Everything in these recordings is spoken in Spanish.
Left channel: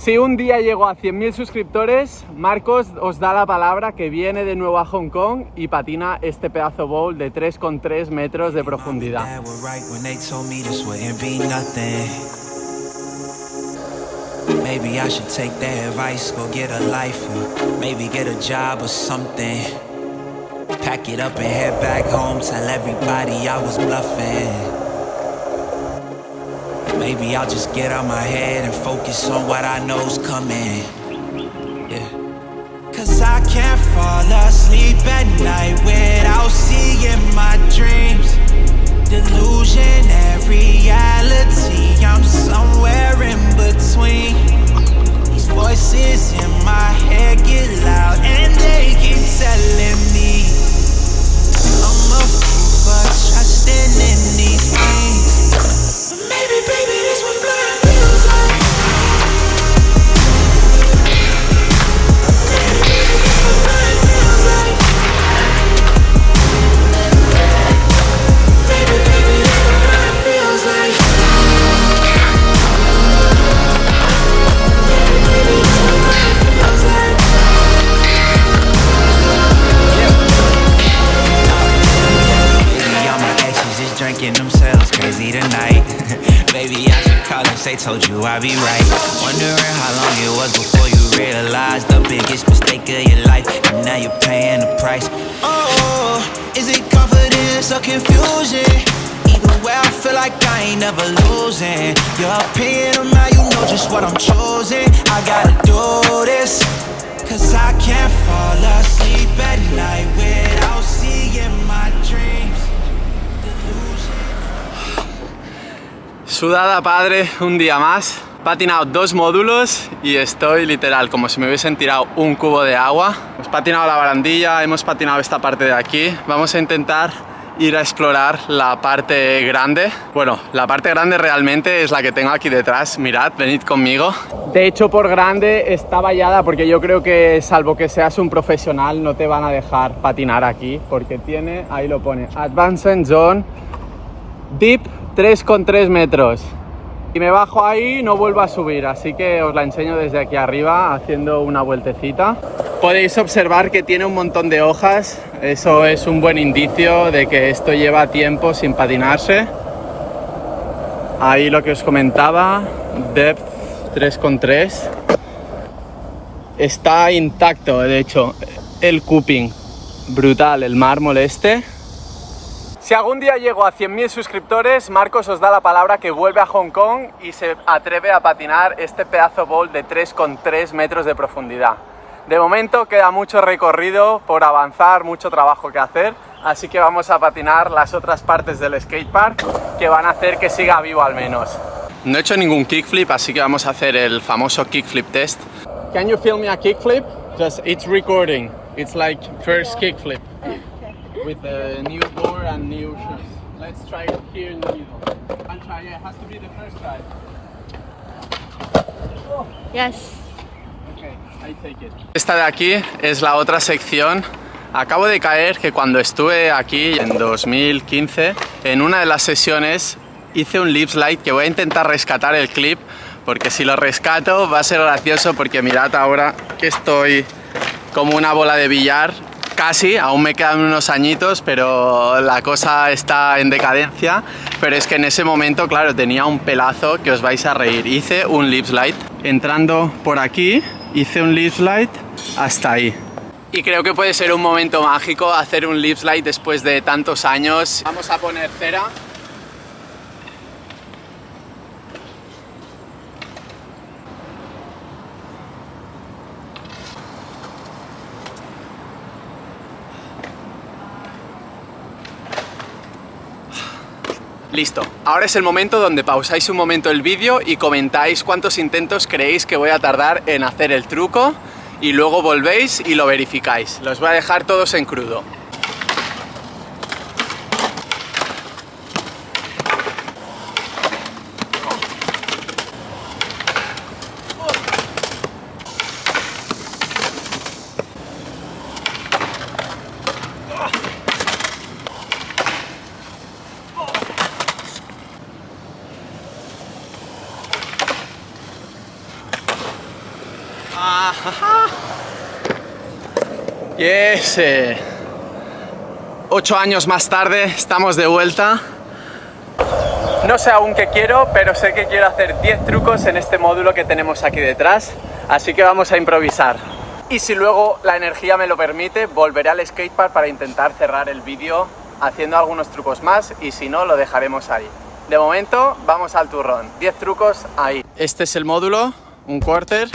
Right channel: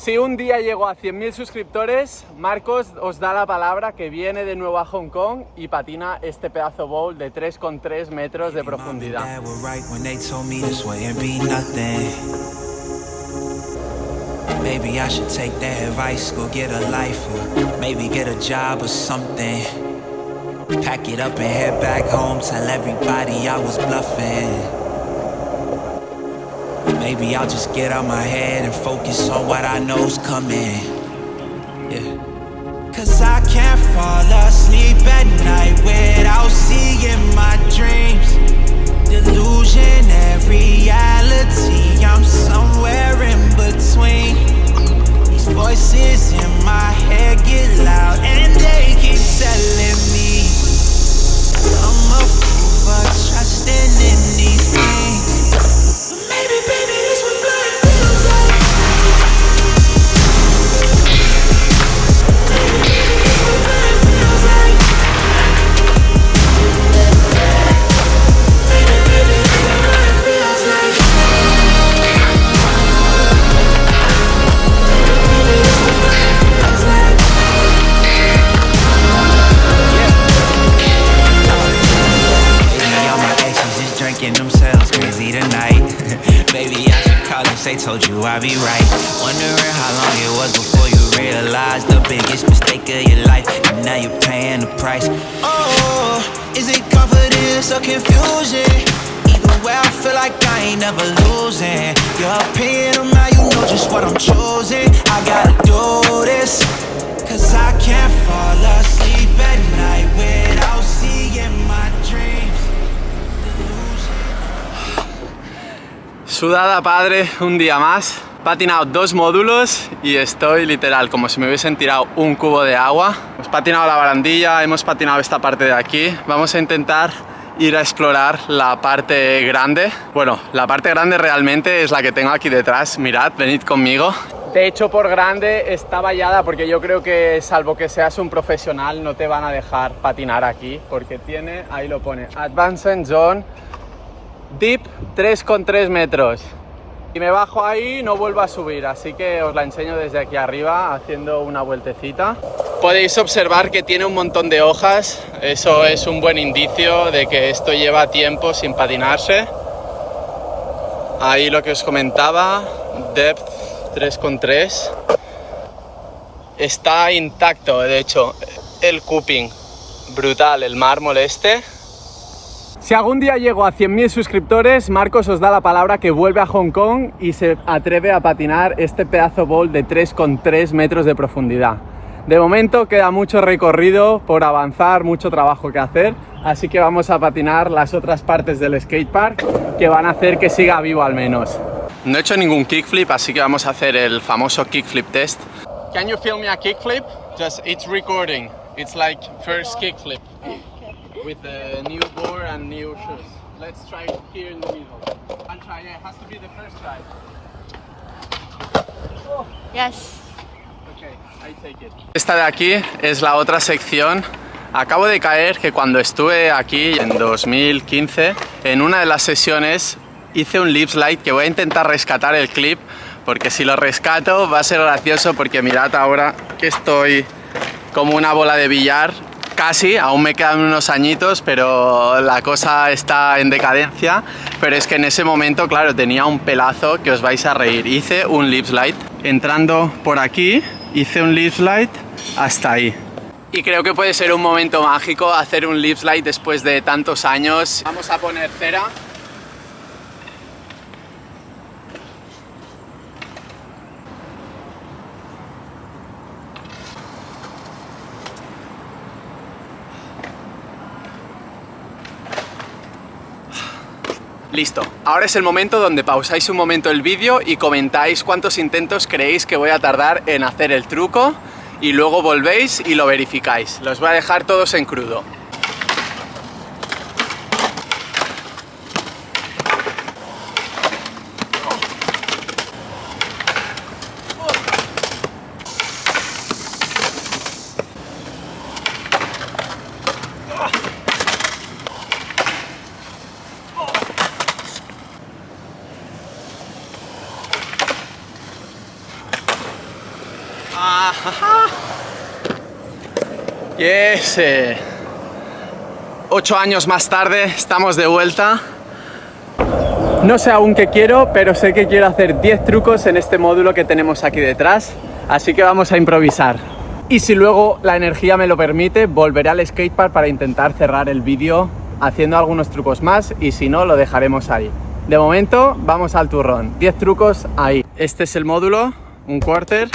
Si un día llego a 100.000 suscriptores, Marcos os da la palabra que viene de nuevo a Hong Kong y patina este pedazo bowl de 3,3 metros de profundidad. Maybe I should take their advice, go get a life, or maybe get a job or something. Pack it up and head back home, tell everybody I was bluffing. Maybe I'll just get out my head and focus on what I know's coming. Yeah. Cause I can't fall asleep at night without seeing my dreams. Delusion and reality, I'm somewhere in between. These voices in my head get loud and they keep telling me I'm a fool for trusting in these things. But maybe, baby, this what flying feels like. Maybe, baby, this what flying feels like. Maybe, baby, this what flying feels like. Maybe, baby, this what flying feels like. Maybe all my exes just drinking themselves crazy tonight. Baby, I should call if they told you I'd be right. Wondering how long it was before you realized the biggest mistake of your life, and now you're paying the price. Oh, is it confidence or confusion? Either way, I feel like I ain't never losing. Your opinion of mine, you know just what I'm choosing. I gotta do this, cause I can't fall asleep at night without seeing my dreams. Sudada padre, un día más. He patinado 2 módulos y estoy literal como si me hubiesen tirado un cubo de agua. Hemos patinado la barandilla, hemos patinado esta parte de aquí. Vamos a intentar ir a explorar la parte grande. Bueno, la parte grande realmente es la que tengo aquí detrás. Mirad, venid conmigo. De hecho, por grande está vallada porque yo creo que, salvo que seas un profesional, no te van a dejar patinar aquí porque tiene, ahí lo pone, Advanced Zone Deep 3,3 metros. Y me bajo ahí, no vuelvo a subir, así que os la enseño desde aquí arriba haciendo una vueltecita. Podéis observar que tiene un montón de hojas, eso es un buen indicio de que esto lleva tiempo sin patinarse. Ahí lo que os comentaba, depth 3,3. Está intacto, de hecho, el cupping, brutal, el mármol este. Si algún día llego a 100.000 suscriptores, Marcos os da la palabra que vuelve a Hong Kong y se atreve a patinar este pedazo bowl de 3,3 metros de profundidad. De momento queda mucho recorrido por avanzar, mucho trabajo que hacer, así que vamos a patinar las otras partes del skatepark que van a hacer que siga vivo al menos. No he hecho ningún kickflip, así que vamos a hacer el famoso kickflip test. Can you film me a kickflip? Just it's recording. It's like first kickflip. With a new board and new shoes. Let's try it here in the middle. One try, yeah, it has to be the first try. Oh. Yes. Okay, I take it. Esta de aquí es la otra sección. Acabo de caer que cuando estuve aquí en 2015, en una de las sesiones hice un lip slide que voy a intentar rescatar el clip, porque si lo rescato va a ser gracioso, porque mirad ahora que estoy como una bola de billar. Casi, aún me quedan unos añitos, pero la cosa está en decadencia. Pero es que en ese momento, claro, tenía un pelazo que os vais a reír. Hice un lip slide. Entrando por aquí, hice un lip slide hasta ahí. Y creo que puede ser un momento mágico hacer un lip slide después de tantos años. Vamos a poner cera. Listo, ahora es el momento donde pausáis un momento el vídeo y comentáis cuántos intentos creéis que voy a tardar en hacer el truco y luego volvéis y lo verificáis. Los voy a dejar todos en crudo. Yes. 8 años más tarde estamos de vuelta. No sé aún qué quiero, pero sé que quiero hacer 10 trucos en este módulo que tenemos aquí detrás. Así que vamos a improvisar. Y si luego la energía me lo permite, volveré al skatepark para intentar cerrar el vídeo haciendo algunos trucos más, y si no, lo dejaremos ahí. De momento, vamos al turrón. 10 trucos ahí. Este es el módulo, un quarter.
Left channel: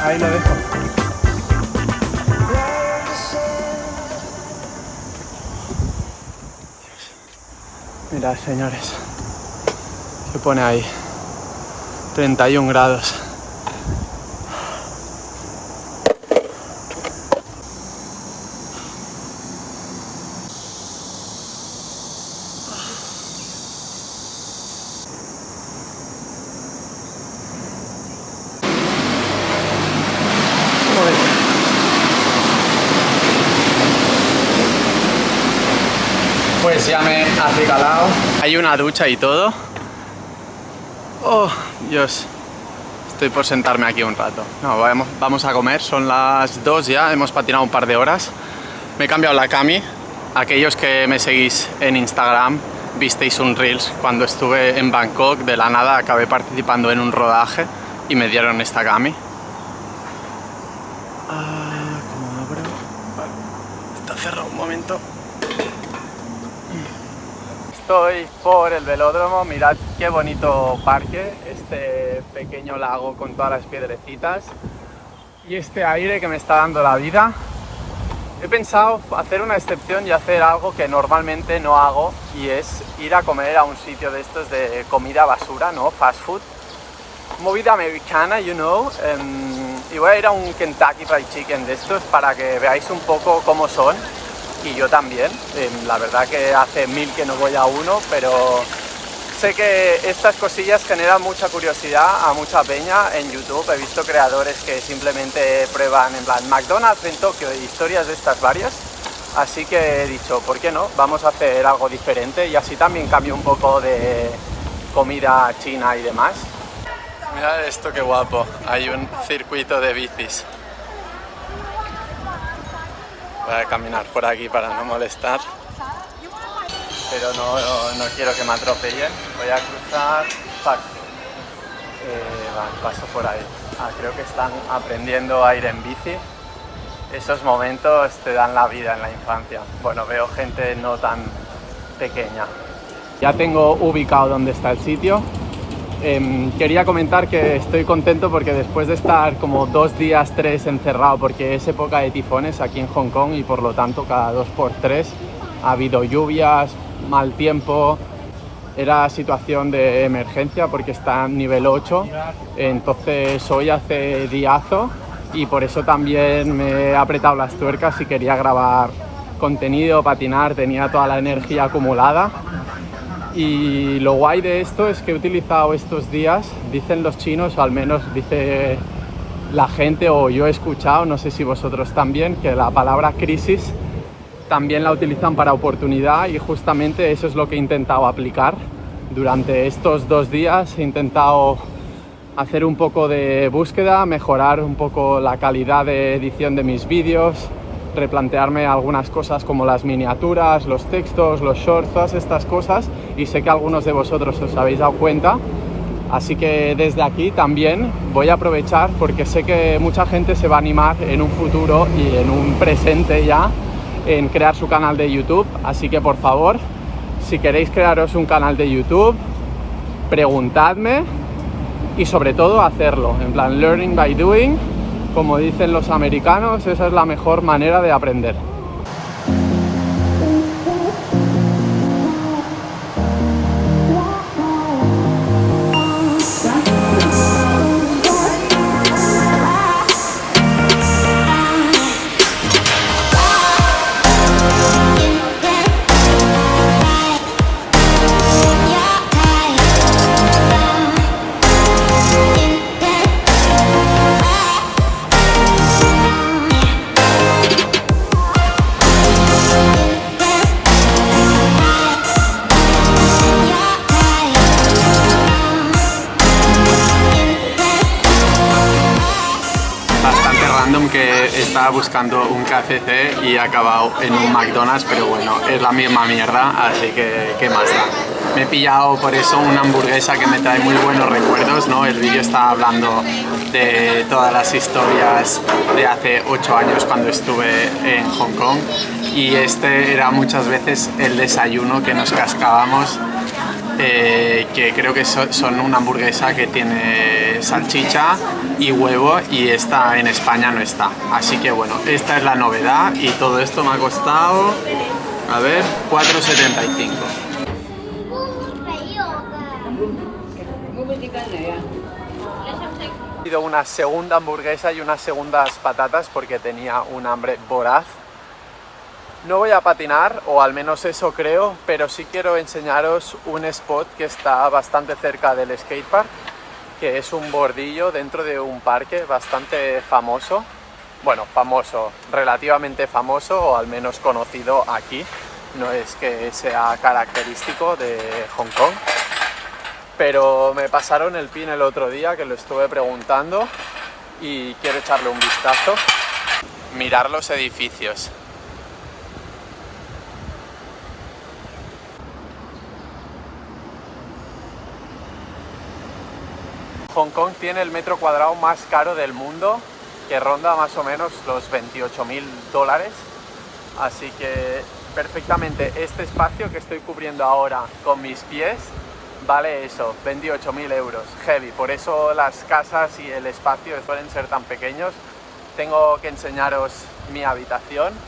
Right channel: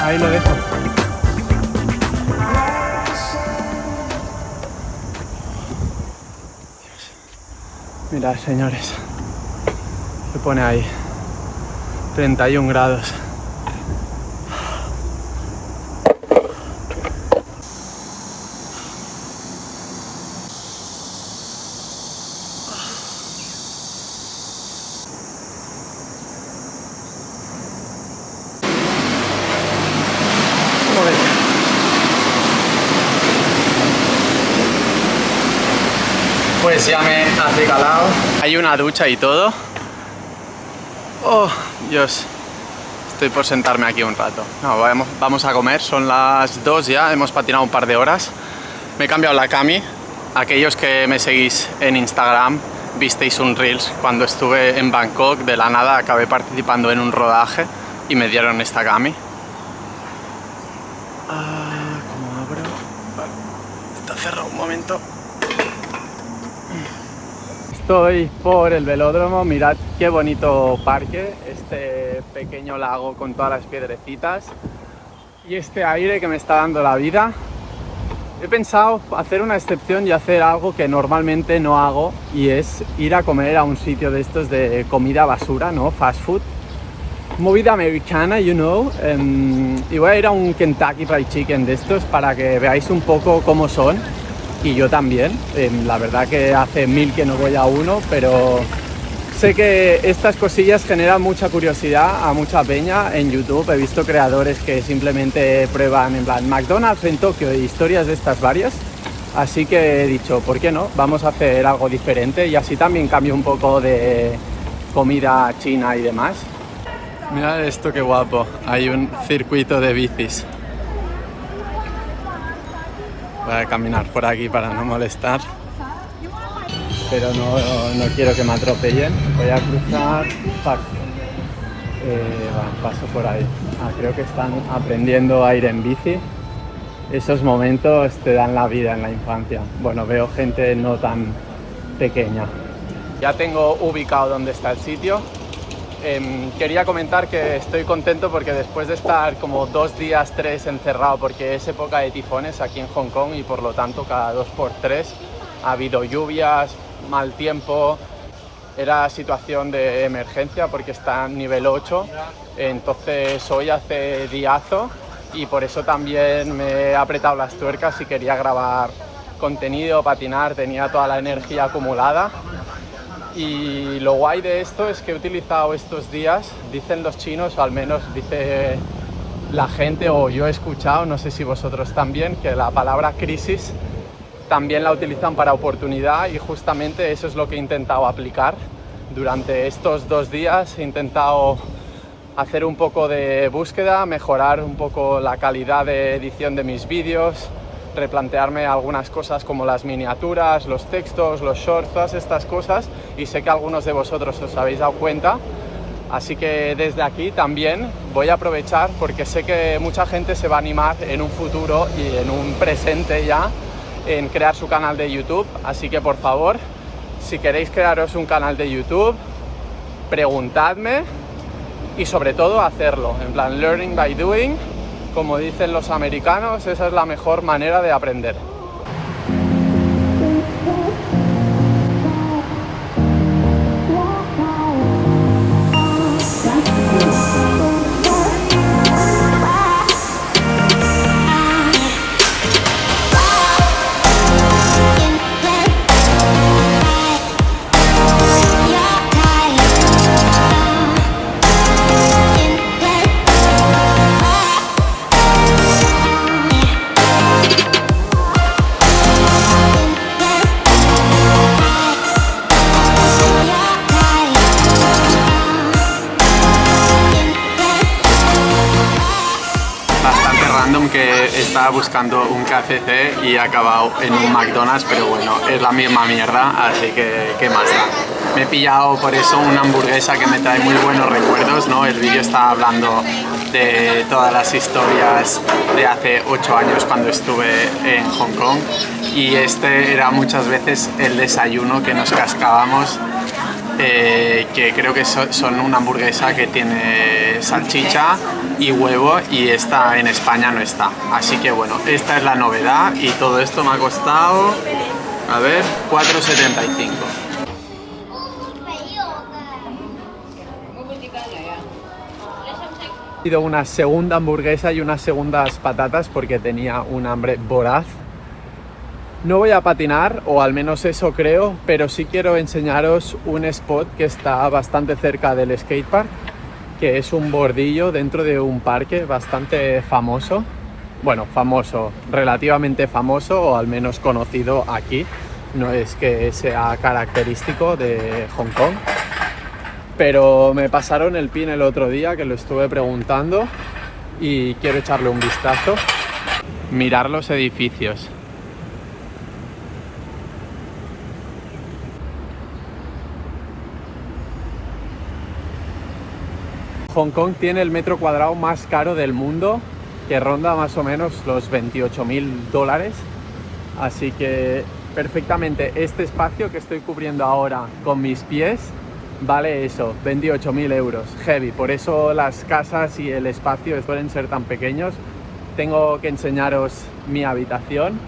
Ahí lo dejo. Mirad, señores, se pone ahí 31 grados. Pues ya me he acicalado. Hay una ducha y todo. Oh, Dios. Estoy por sentarme aquí un rato. No, vamos a comer. Son las 2 ya. Hemos patinado un par de horas. Me he cambiado la cami. Aquellos que me seguís en Instagram visteis un Reels cuando estuve en Bangkok. De la nada acabé participando en un rodaje y me dieron esta cami. ¿Cómo abro? Vale. Está cerrado un momento. Estoy por el velódromo, mirad qué bonito parque, este pequeño lago con todas las piedrecitas y este aire que me está dando la vida. He pensado hacer una excepción y hacer algo que normalmente no hago, y es ir a comer a un sitio de estos de comida basura, ¿no? Fast food. Movida americana, you know. Y voy a ir a un Kentucky Fried Chicken de estos para que veáis un poco cómo son. Y yo también, la verdad que hace 1000 que no voy a uno, pero sé que estas cosillas generan mucha curiosidad a mucha peña en YouTube. He visto creadores que simplemente prueban en plan McDonald's en Tokio y historias de estas varias. Así que he dicho, ¿por qué no? Vamos a hacer algo diferente y así también cambio un poco de comida china y demás. Mirad esto, qué guapo, hay un circuito de bicis. Voy a caminar por aquí para no molestar, pero no quiero que me atropellen. Voy a cruzar. Paso por ahí. Creo que están aprendiendo a ir en bici. Esos momentos te dan la vida en la infancia. Bueno, veo gente no tan pequeña. Ya tengo ubicado dónde está el sitio. Quería comentar que estoy contento porque después de estar como 2 días, 3 encerrado, porque es época de tifones aquí en Hong Kong y por lo tanto cada 2x3 ha habido lluvias, mal tiempo. Era situación de emergencia porque está en nivel 8, entonces hoy hace diazo y por eso también me he apretado las tuercas y quería grabar contenido, patinar, tenía toda la energía acumulada. Y lo guay de esto es que he utilizado estos días, dicen los chinos, o al menos dice la gente, o yo he escuchado, no sé si vosotros también, que la palabra crisis también la utilizan para oportunidad, y justamente eso es lo que he intentado aplicar. Durante estos 2 días he intentado hacer un poco de búsqueda, mejorar un poco la calidad de edición de mis vídeos, replantearme algunas cosas como las miniaturas, los textos, los shorts, todas estas cosas, y sé que algunos de vosotros os habéis dado cuenta. Así que desde aquí también voy a aprovechar, porque sé que mucha gente se va a animar en un futuro y en un presente ya en crear su canal de YouTube. Así que por favor, si queréis crearos un canal de YouTube, preguntadme y sobre todo hacerlo, en plan learning by doing, como dicen los americanos. Esa es la mejor manera de aprender. Que estaba buscando un KFC y he acabado en un McDonald's, pero bueno, es la misma mierda, así que ¿qué más da? Me he pillado por eso una hamburguesa que me trae muy buenos recuerdos, ¿no? El vídeo estaba hablando de todas las historias de hace 8 años cuando estuve en Hong Kong, y este era muchas veces el desayuno que nos cascábamos. Que creo que son una hamburguesa que tiene salchicha y huevo, y esta en España no está. Así que bueno, esta es la novedad, y todo esto me ha costado, a ver, 4,75. He pedido una segunda hamburguesa y unas segundas patatas porque tenía un hambre voraz. No voy a patinar, o al menos eso creo, pero sí quiero enseñaros un spot que está bastante cerca del skatepark, que es un bordillo dentro de un parque bastante famoso. Bueno, famoso, relativamente famoso, o al menos conocido aquí. No es que sea característico de Hong Kong. Pero me pasaron el pin el otro día, que lo estuve preguntando, y quiero echarle un vistazo. Mirar los edificios. Hong Kong tiene el metro cuadrado más caro del mundo, que ronda más o menos los $28.000. Así que perfectamente este espacio que estoy cubriendo ahora con mis pies vale eso, 28.000 euros. Heavy, por eso las casas y el espacio suelen ser tan pequeños. Tengo que enseñaros mi habitación.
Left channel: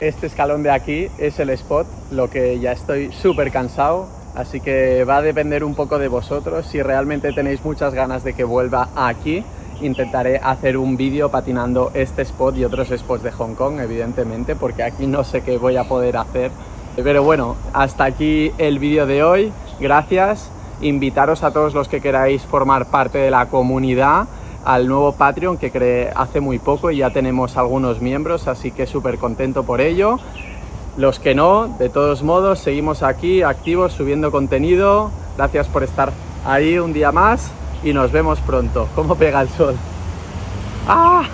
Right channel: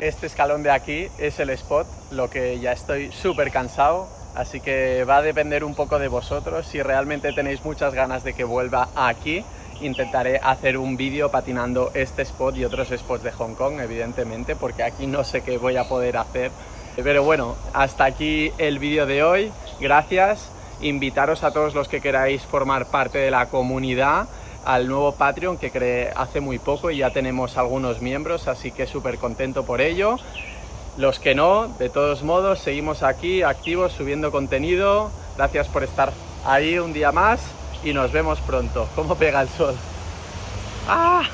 Este escalón de aquí es el spot, lo que ya estoy súper cansado. Así que va a depender un poco de vosotros. Si realmente tenéis muchas ganas de que vuelva aquí, intentaré hacer un vídeo patinando este spot y otros spots de Hong Kong, evidentemente, porque aquí no sé qué voy a poder hacer. Pero bueno, hasta aquí el vídeo de hoy. Gracias. Invitaros a todos los que queráis formar parte de la comunidad al nuevo Patreon que creé hace muy poco, y ya tenemos algunos miembros, así que súper contento por ello. Los que no, de todos modos, seguimos aquí activos subiendo contenido. Gracias por estar ahí un día más y nos vemos pronto. ¿Cómo pega el sol? ¡Ah!